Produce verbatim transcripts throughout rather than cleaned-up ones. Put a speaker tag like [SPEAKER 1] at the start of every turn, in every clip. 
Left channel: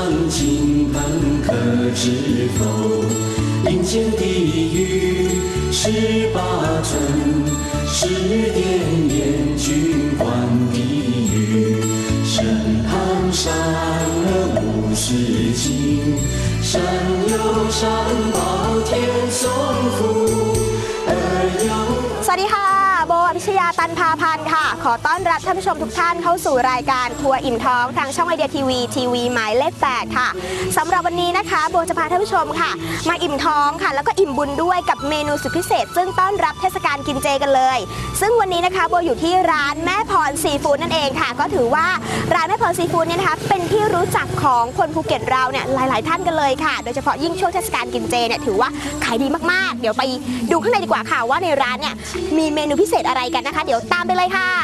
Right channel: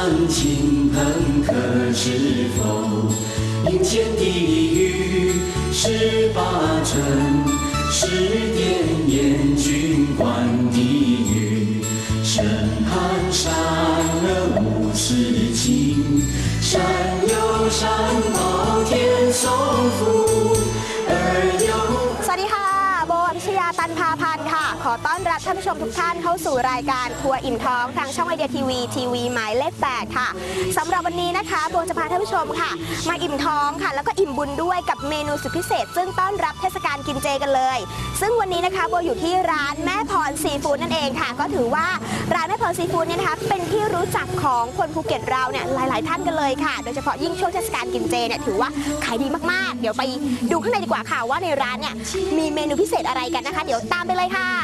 [SPEAKER 1] 亲朋可知否？林前地狱十八层，十殿阎君管地狱，审判善恶无事情，善有善报天送福，而有。
[SPEAKER 2] สวัสดีค่ะโบอภิชยาตันพาพันธ์ค่ะขอต้อนรับท่านผู้ชมทุกท่านเข้าสู่รายการทัวร์อิ่มท้องทางช่องไอเดียทีวีทีวีหมายเลขแปดค่ะสำหรับวันนี้นะคะโบจะพาท่านผู้ชมค่ะมาอิ่มท้องค่ะแล้วก็อิ่มบุญด้วยกับเมนูสุดพิเศษซึ่งต้อนรับเทศกาลกินเจกันเลยซึ่งวันนี้นะคะโบอยู่ที่ร้านแม่พรซีฟู้ดนั่นเองค่ะก็ถือว่าร้านแม่พรซีฟู้ดเนี่ยนะคะเป็นที่รู้จักของคนภูเก็ตเราเนี่ยหลายๆท่านกันเลยค่ะโดยเฉพาะยิ่งช่วงเทศกาลกินเจเนี่ยถือว่าขายดีมากๆเดี๋ยวไปดูข้างในดีกว่าค่ะว่าในร้านเนี่ยมีเมนูพิเศษอะไรกันนะคะเดี๋ยวตามไปเลยค่ะ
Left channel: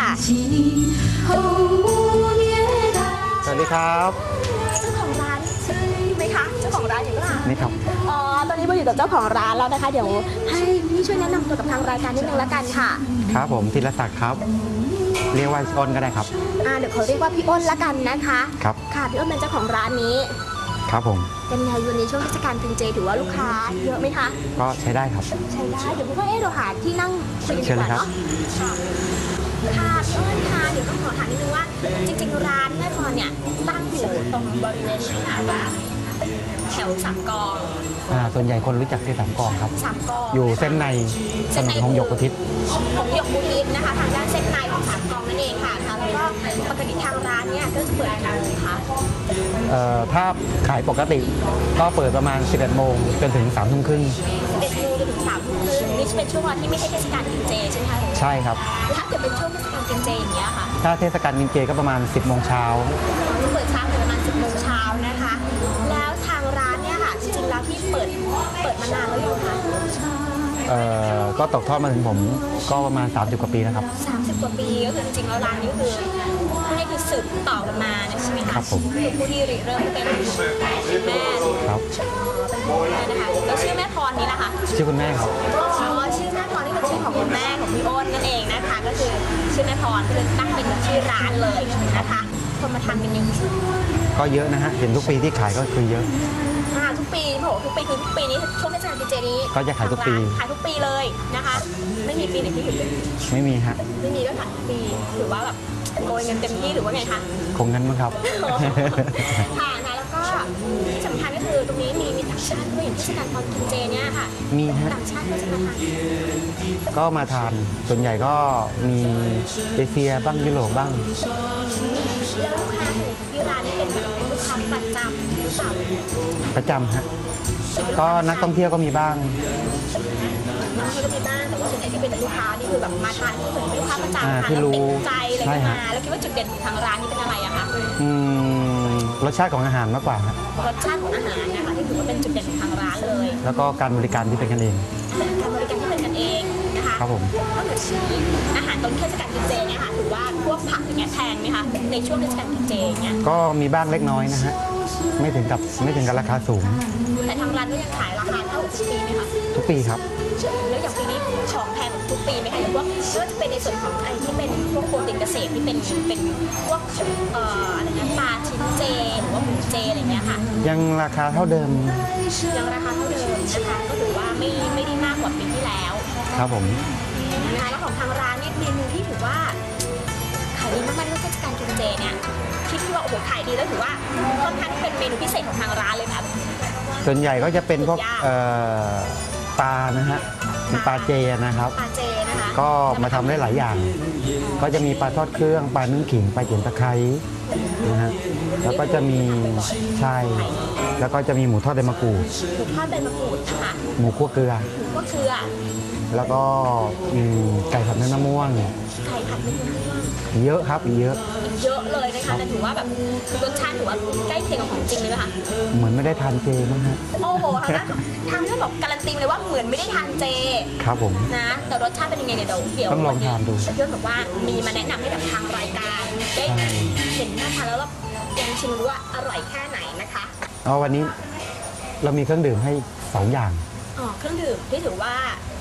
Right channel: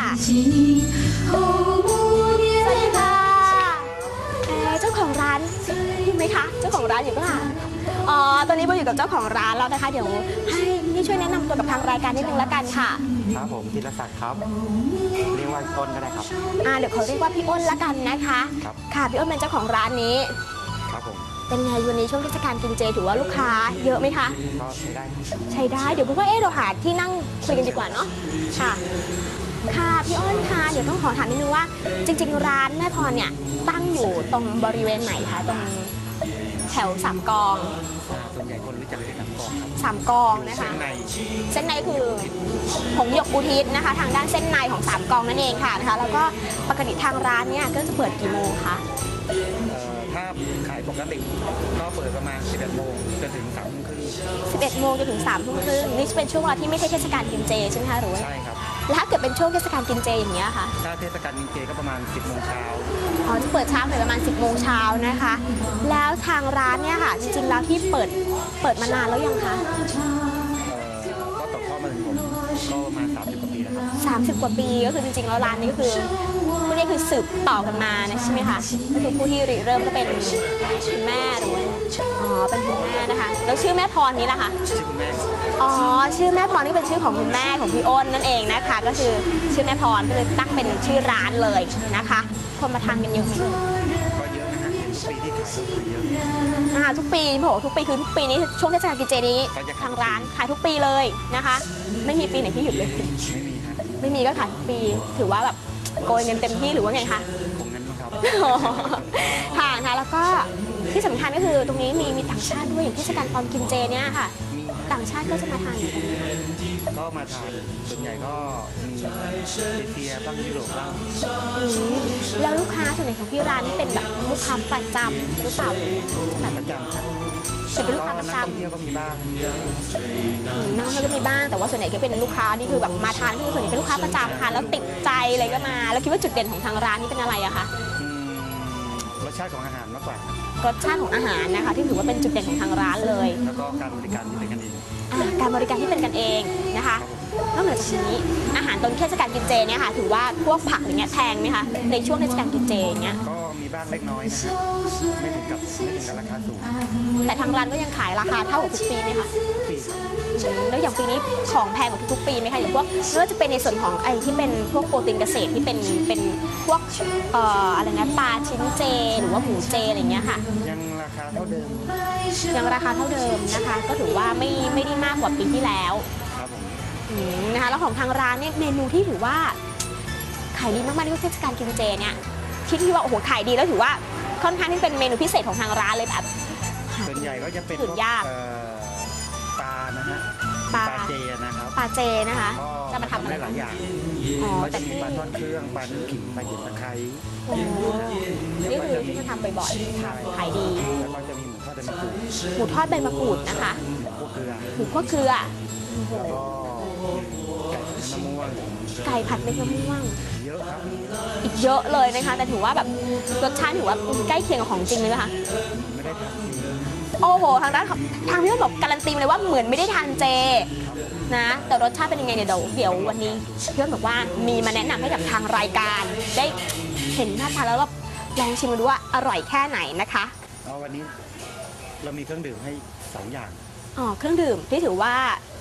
[SPEAKER 3] สวัสดีครับ
[SPEAKER 2] เจ้าของร้านไหมคะเจ้าของร้านอยู่เปล่า
[SPEAKER 3] นี่ครับ
[SPEAKER 2] อ๋อตอนนี้โบอยู่กับเจ้าของร้านแล้วนะคะเดี๋ยวให้พี่ช่วยแนะนำตัวกับทางรายการนิดนึงแล้วกันค่ะ
[SPEAKER 3] ครับผมธีรศักดิ์ครับเรียกว่าอ้นก็ได้ครับ
[SPEAKER 2] อ่าเดี๋ยวเขาเรียกว่าพี่อ้นแล้วกันนะคะ
[SPEAKER 3] ครับ
[SPEAKER 2] ค่ะพี่อ้นเป็นเจ้าของร้านนี้
[SPEAKER 3] ครับผม
[SPEAKER 2] เป็นไงวันนี้ช่วงเทศกาลกินเจถือว่าลูกค้าเยอะไหมคะ
[SPEAKER 3] ก็ใช้ได้ครับ
[SPEAKER 2] ใช้ได้เดี๋ยวพี่ว่าเอ๊ะเราหาที่นั่งคุยกันดีกว่าเนาะค่ะค่ะพี่อ้นค่ะเดี๋ยวต้องขอถามนิดนึงว่าจริงๆร้านแม่พรเนี่ยตั้งอยู่ตรงบริเวณไหนคะตรงแถวสามกอง
[SPEAKER 3] อ่าส่วนใหญ่คนรู้จักที่สามกองครับ
[SPEAKER 2] สามกอง
[SPEAKER 3] อยู่เส้นใน
[SPEAKER 2] เส้นใน
[SPEAKER 3] ของหยกอุทิศ
[SPEAKER 2] ของหยกอุทิศนะคะทางด้านเส้นในของสามกองนั่นเองค่ะนะคะแล้วก็ปกติทางร้านเนี่ยก็จะเปิดกี่โมงคะ
[SPEAKER 3] เอ่อถ้าขายปกติก็เปิดประมาณสิบเอ็ดโมงจนถึงสามทุ่มครึ่ง
[SPEAKER 2] สิบเอ็ดโมงจนถึงสามทุ่มครึ่งนี่เป็นช่วงเวลาที่ไม่ใช่เทศกาลกินเจใช่ไหมคะหรือ
[SPEAKER 3] ใช่ครับ
[SPEAKER 2] แล้วถ้าเกิดเป็นช่วงเทศกาลกินเจอย่างเงี้ยค่ะ
[SPEAKER 3] ถ้าเทศกาลกินเจก็ประมาณสิบโมงเช้า
[SPEAKER 2] ที่เปิดเช้าประมาณสิบโมงเช้านะคะแล้วทางร้านเนี่ยค่ะจริงๆแล้วที่เปิดเปิดมานานแล้วยังคะ
[SPEAKER 3] เอ่อก็ตกทอดมาถึงผมก็ประมาณสามสิบกว่าปีนะครับ
[SPEAKER 2] สามสิบกว่าปีก็คือจริงๆแล้วร้านนี้ก็คือพวกนี้คือสืบต่อกันมาใช่ไหมคะคือผู้ที่ริเริ่มก็เป็นคุณแม่เลย
[SPEAKER 3] ครับ
[SPEAKER 2] อ๋อเป็นคุณแม่นะคะแล้วชื่อแม่พรนี่แหละคะ
[SPEAKER 3] ชื่อคุณแม่ครับ
[SPEAKER 2] อ๋อชื่อแม่พรนี่เป็นชื่อของคุณแม่ของพี่อ้นนั่นเองนะคะก็คือชื่อแม่พรก็เลยตั้งเป็นชื่อร้านเลยนะคะคนมาทานกันเยอะ
[SPEAKER 3] ก็เยอะนะฮะเห็นทุกปีที่ขายก็คือเยอะ
[SPEAKER 2] อ่าทุกปีโหทุกปีคือทุกปีนี้ช่วงเทศกาลกินเจนี้
[SPEAKER 3] ก็จะขายทุกปี
[SPEAKER 2] ขายทุกปีเลยนะคะไม่มีปีไหนที่หยุดเลย
[SPEAKER 3] ไม่มีฮะ
[SPEAKER 2] ไม่มีก็ขายทุกปีถือว่าแบบโกยเงินเต็มที่หรือว่าไงคะ
[SPEAKER 3] คงงั้นมั้งครับ
[SPEAKER 2] ค่ะนะแล้วก็ที่สำคัญก็คือตรงนี้มีมีต่างชาติด้วยอย่างเทศกาลตอนกินเจเนี่ยค่ะ
[SPEAKER 3] มี
[SPEAKER 2] ต่างชาติก็จะมาทาน
[SPEAKER 3] ก็มาทานส่วนใหญ่ก็มีเอเชียบ้างยุโรปบ้าง
[SPEAKER 2] แล้วลูกค้าส่วนใหญ่ของที่ร้านนี่เป็นแบบลูกค้าประจำหรือเปล่า
[SPEAKER 3] ประจำครับก็นักท่องเที่ยวก็มีบ้าง
[SPEAKER 2] นักท่องเที่ยวก็มีบ้างแต่ว่าส่วนใหญ่ที่เป็นลูกค้านี่คือแบบมาทานที่ส่วนใหญ่เป็นลูกค้าประจำทานแล้วติดใจอะไรก็มาแล้วคิดว่าจุดเด่นของทางร้านนี่เป็นอะไรอะคะ
[SPEAKER 3] รสชาติของอาหารมากกว่าร
[SPEAKER 2] สชาติของอาหารนะคะที่ถือว่าเป็นจุดเด่นของทางร้านเลย
[SPEAKER 3] แล้วก็การบริการที่เป็นกันเอง
[SPEAKER 2] การบริการที่เป็นกันเองนะคะ
[SPEAKER 3] ครับผม
[SPEAKER 2] ก็เหมือนอาหารตอนเทศกาลกินเจเนี่ยค่ะถือว่าพวกผักอย่างเงี้ยแพงไหมคะในช่วงเทศกาลกินเจเนี่ย
[SPEAKER 3] ก็มีบ้างเล็กน้อยนะฮะไม่ถึงกับไม่ถึงกับราคาสูง
[SPEAKER 2] แต่ทางร้านก็ยังขายราคาเท่าทุกปีไหมคะ
[SPEAKER 3] ทุกปีครับ
[SPEAKER 2] แล้วอย่างปีนี้ของแพงกว่าทุกปีไหมคะอย่างพวกไม่ว่าจะเป็นในส่วนของไอ้ที่เป็นพวกโปรตีนเกษตรที่เป็นเป็นพวกเอ่ออะไรนะปลาชิ้นเจหรือว่าหมูเจอะไรเงี้ยค่ะ
[SPEAKER 3] ยังราคาเท่าเดิม
[SPEAKER 2] ยังราคาเท่าเดิมนะคะก็ถือว่าไม่ไม่ได้มากกว่าปีที่แล้ว
[SPEAKER 3] ครับผม
[SPEAKER 2] นะคะแล้วของทางร้านเนี่ยเมนูที่ถือว่าขายดีมากๆในเทศกาลกินเจเนี่ยคิดที่ว่าโอ้โหขายดีแล้วถือว่าค่อนข้างที่เป็นเมนูพิเศษของทางร้านเลยแบบ
[SPEAKER 3] ส่วนใหญ่ก็จะเป็นพวกปลานะฮะปลาเจนะครับ
[SPEAKER 2] ปลาเจนะคะ
[SPEAKER 3] ก็มาทำได้หลายอย่างก็จะมีปลาทอดเครื่องปลานึ่งขิงปลาเจี๋ยตะไคร้นะฮะแล้วก็จะมีใช่แล้วก็จะมีหมูทอดใบมะกรูด
[SPEAKER 2] หมูทอดใบมะกรูดนะคะ
[SPEAKER 3] หมูคั่วเกลือ
[SPEAKER 2] หมูคั่วเกลือ
[SPEAKER 3] แล้วก็ไก่ผัดเนื้อมะม่วง
[SPEAKER 2] ไก่ผัดเนื้อมะม่วง
[SPEAKER 3] เยอะครับเยอะ
[SPEAKER 2] เยอะเลยนะคะแต่ถือว่าแบบรสชาติถือว่าใกล้เคียงกับของจริงเลยนะคะ
[SPEAKER 3] เหมือนไม่ได้ทานเจมั้งครับ
[SPEAKER 2] โอ้โหทางด้านทางที่เราบอกการันตีเลยว่าเหมือนไม่ได้ทานเจ
[SPEAKER 3] ครับผม
[SPEAKER 2] นะแต่รสชาติเป็นยังไงเนี่ยเดี๋ยวเดี๋ยววันนี้เกี่ยวกับว่ามีมาแนะนำให้กับทางรายการได้เห็นหน้าทานแล้วแบบลองชิมดูว่าอร่อยแค่ไหนนะคะ
[SPEAKER 3] อ๋อวันนี้เรามีเครื่องดื่มให้สองอย่าง
[SPEAKER 2] อ๋อเครื่องดื่มที่ถือว่า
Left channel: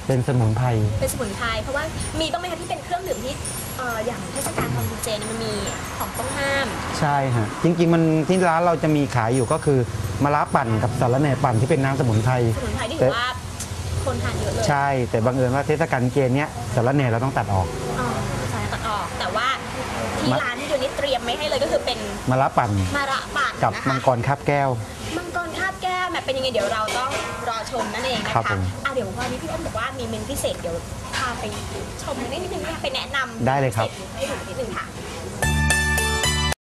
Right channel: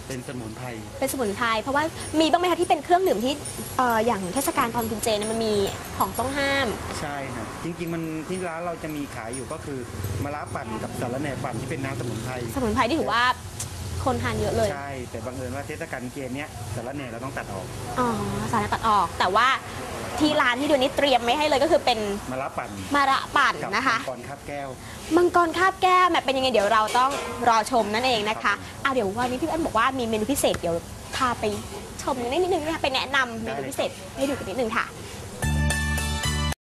[SPEAKER 3] เป็นสมุนไพร
[SPEAKER 2] เป็นสมุนไพรเพราะว่ามีบ้างไหมคะที่เป็นเครื่องดื่มที่เอ่ออย่างเทศกาลทองกินเจเนี่ยมันมีของต้องห้าม
[SPEAKER 3] ใช่ฮะจริงๆมันที่ร้านเราจะมีขายอยู่ก็คือมะระปั่นกับสาระแหน่ปั่นที่เป็นน้ำสมุนไพร
[SPEAKER 2] สมุนไพรที่ถือว่าคนทานเยอะเลย
[SPEAKER 3] ใช่แต่บังเอิญว่าเทศกาลเจนเนี้ยสาระแหน่เราต้องตัดออก
[SPEAKER 2] อ๋อสารตัดออกแต่ว่าที่ร้านที่ดูนี้เตรียมไม่ให้เลยก็คือเป็น
[SPEAKER 3] มะระปั่น
[SPEAKER 2] มะระปั่น
[SPEAKER 3] กับ
[SPEAKER 2] นะ
[SPEAKER 3] มั
[SPEAKER 2] คะ
[SPEAKER 3] งกรคาบแก้ว
[SPEAKER 2] มังกรคาบแก้วแบบเป็นยังไงเดี๋ยวเราต้องรอชมนั่นเองนะ
[SPEAKER 3] ครั
[SPEAKER 2] คะ
[SPEAKER 3] บผม
[SPEAKER 2] อ่ะเดี๋ยววันนี้พี่อ้นบอกว่ามีเมนูพิเศษเดี๋ยวพาไปชมนิดนึงเนี่ยไปแนะนำ
[SPEAKER 3] ได้เลยครับ
[SPEAKER 2] พิศษให้ดูกันนิดนึงค่ะ